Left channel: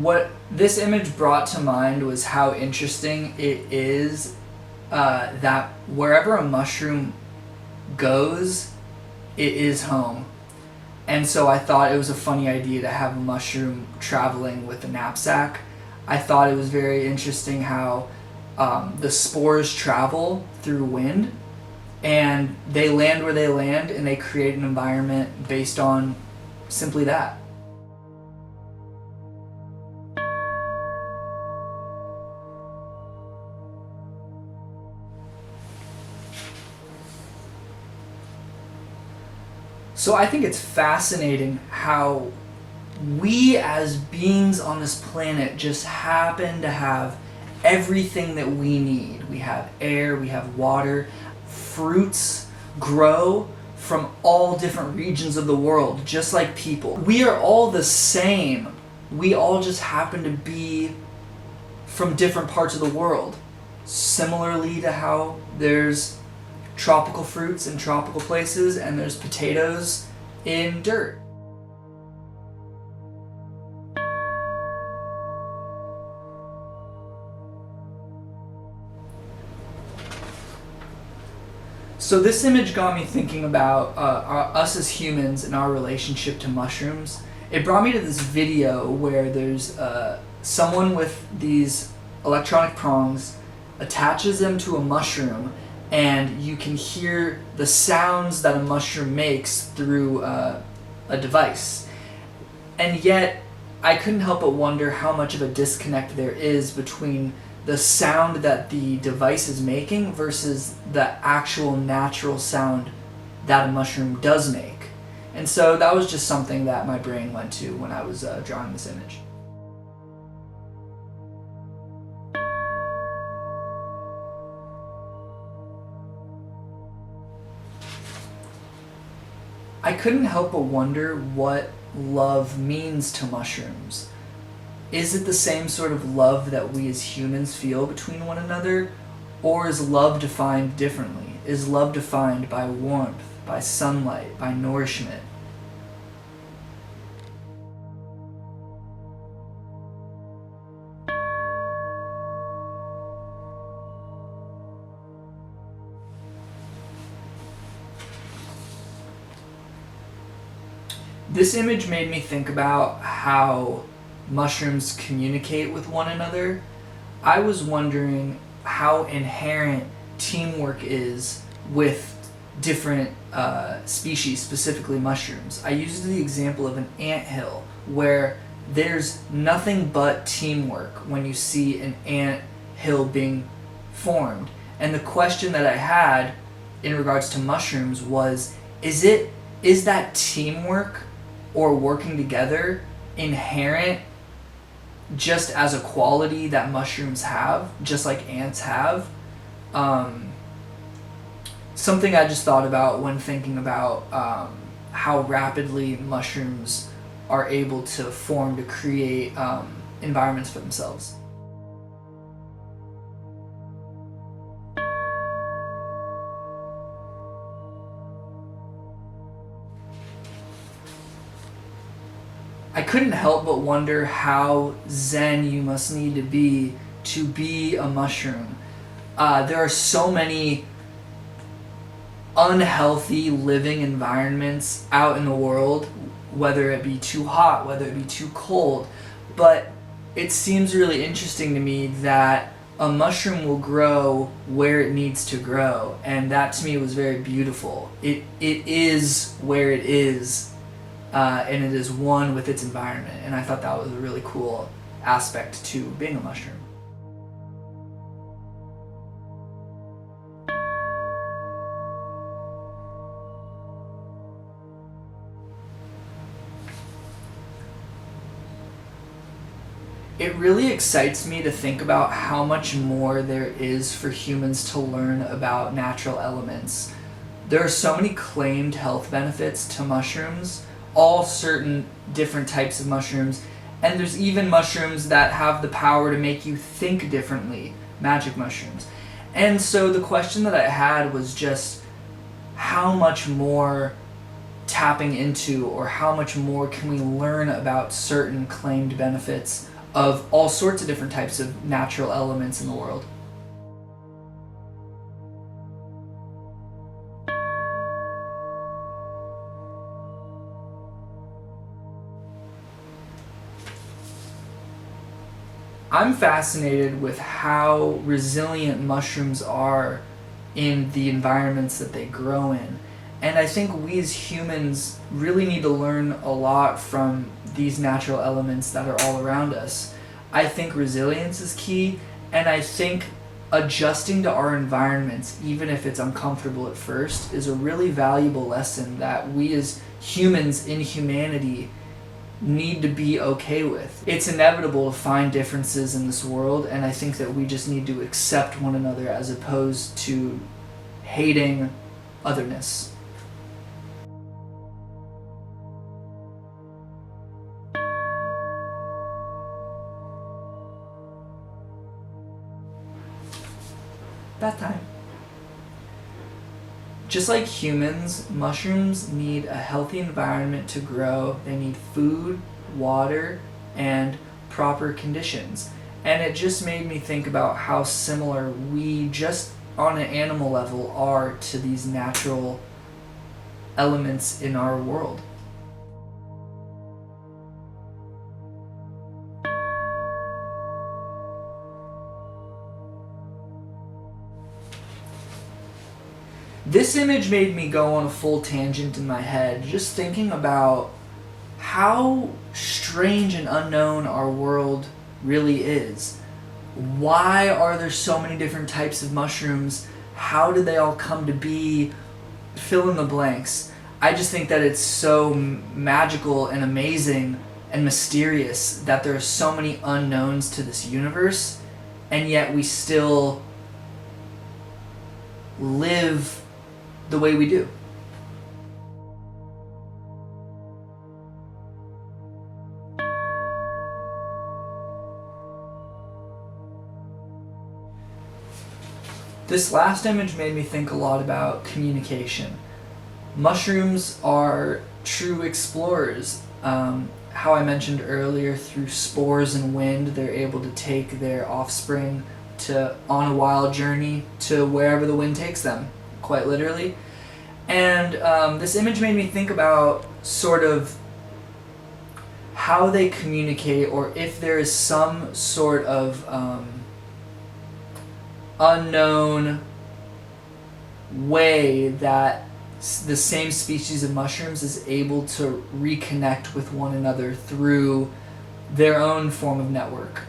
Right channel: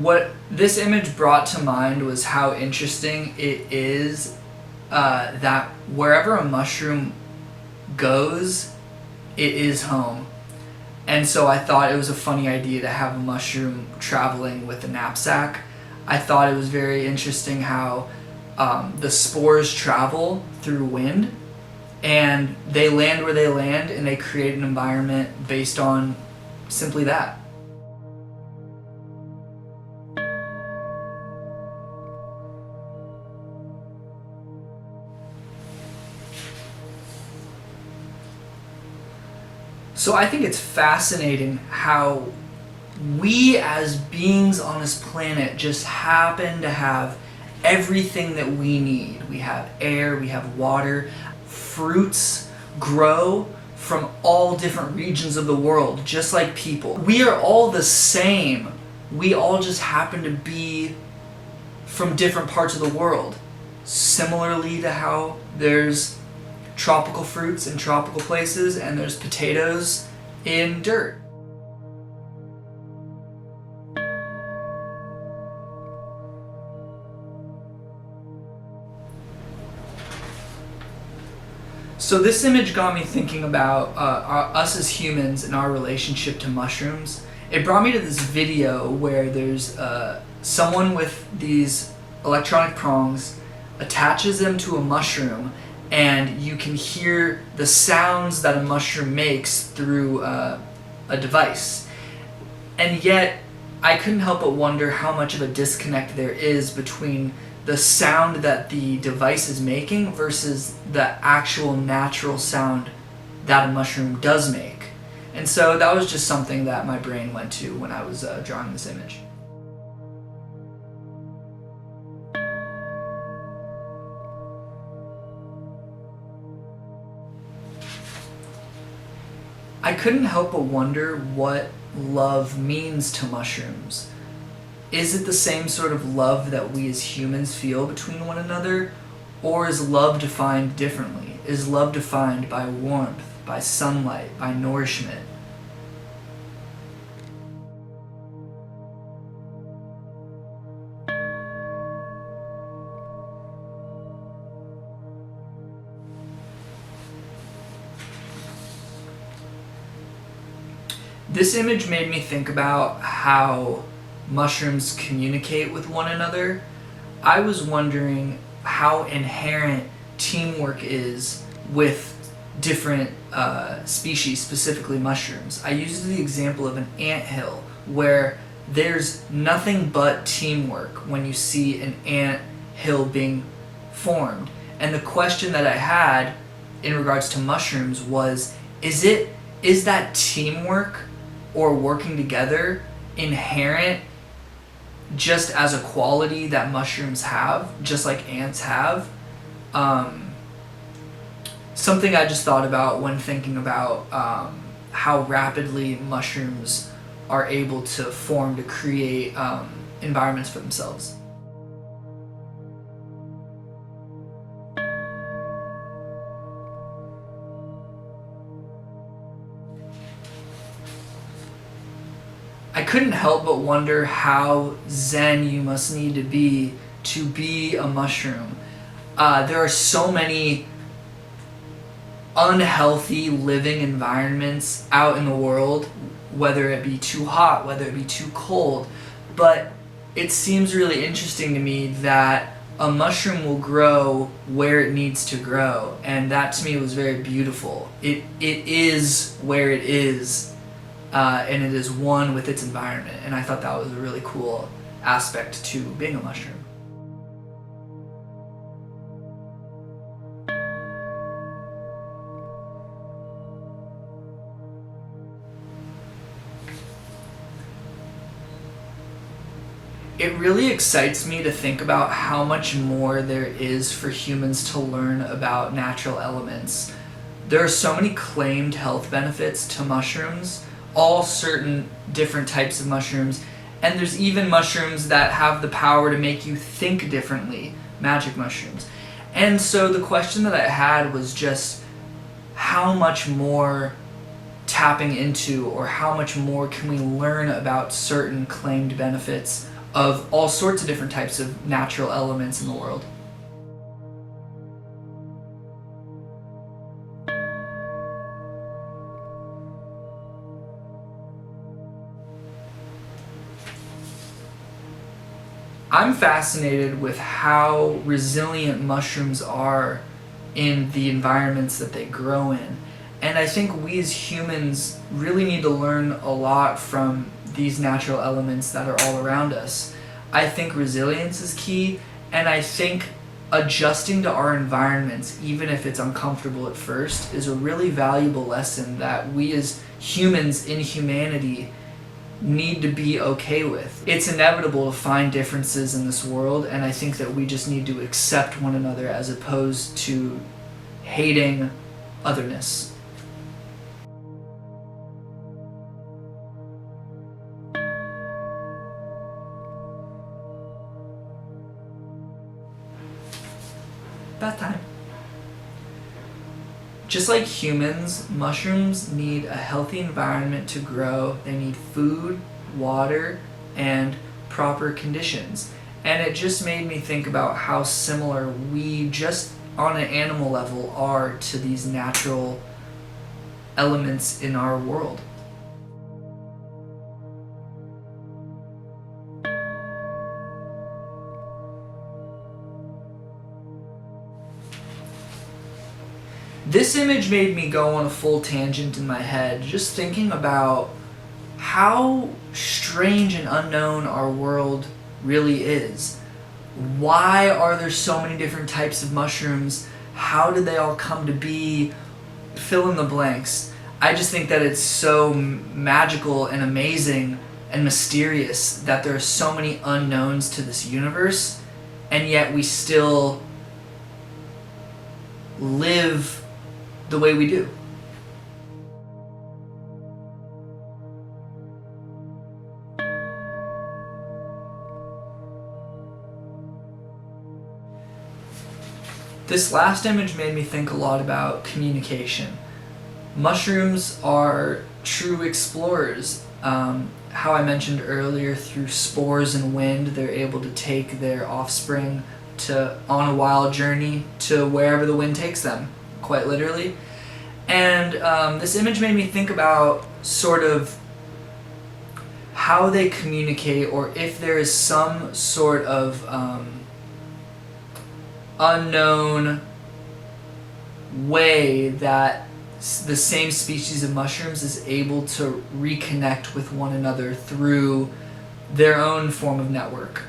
What this image brought to mind was how interesting it is that wherever a mushroom goes, it is home. And so I thought it was a funny idea to have a mushroom traveling with a knapsack. I thought it was very interesting how the spores travel through wind, and they land where they land, and they create an environment based on simply that. So I think it's fascinating how we as beings on this planet just happen to have everything that we need. We have air, we have water, fruits grow from all different regions of the world, just like people. We are all the same. We all just happen to be from different parts of the world. Similarly to how there's tropical fruits in tropical places and there's potatoes in dirt. So this image got me thinking about us as humans and our relationship to mushrooms. It brought me to this video where there's someone with these electronic prongs, attaches them to a mushroom, and you can hear the sounds that a mushroom makes through a device. And yet, I couldn't help but wonder how much of a disconnect there is between the sound that the device is making versus the actual natural sound that a mushroom does make. And so that was just something that my brain went to when I was drawing this image. I couldn't help but wonder what love means to mushrooms. Is it the same sort of love that we as humans feel between one another? Or is love defined differently? Is love defined by warmth, by sunlight, by nourishment? This image made me think about how mushrooms communicate with one another. I was wondering how inherent teamwork is with different species, specifically mushrooms. I used the example of an anthill where there's nothing but teamwork when you see an ant hill being formed. And the question that I had in regards to mushrooms was, is that teamwork or working together inherent just as a quality that mushrooms have, just like ants have? Something I just thought about when thinking about how rapidly mushrooms are able to form to create environments for themselves. I couldn't help but wonder how zen you must need to be a mushroom. There are so many unhealthy living environments out in the world, whether it be too hot, whether it be too cold, but it seems really interesting to me that a mushroom will grow where it needs to grow, and that to me was very beautiful. It is where it is. And it is one with its environment, and I thought that was a really cool aspect to being a mushroom. It really excites me to think about how much more there is for humans to learn about natural elements. There are so many claimed health benefits to mushrooms, all certain different types of mushrooms, and there's even mushrooms that have the power to make you think differently, magic mushrooms. And so the question that I had was just how much more tapping into, or how much more can we learn about certain claimed benefits of all sorts of different types of natural elements in the world. I'm fascinated with how resilient mushrooms are in the environments that they grow in. And I think we as humans really need to learn a lot from these natural elements that are all around us. I think resilience is key, and I think adjusting to our environments, even if it's uncomfortable at first, is a really valuable lesson that we as humans in humanity need to be okay with. It's inevitable to find differences in this world, and I think that we just need to accept one another as opposed to hating otherness. Bath time. Just like humans, mushrooms need a healthy environment to grow. They need food, water, and proper conditions. And it just made me think about how similar we, just on an animal level, are to these natural elements in our world. This image made me go on a full tangent in my head, just thinking about how strange and unknown our world really is. Why are there so many different types of mushrooms? How did they all come to be? Fill in the blanks. I just think that it's so magical and amazing and mysterious that there are so many unknowns to this universe, and yet we still live the way we do. This last image made me think a lot about communication. Mushrooms are true explorers. How I mentioned earlier, through spores and wind, they're able to take their offspring on a wild journey to wherever the wind takes them, quite literally. And this image made me think about sort of how they communicate, or if there is some sort of unknown way that the same species of mushrooms is able to reconnect with one another through their own form of network.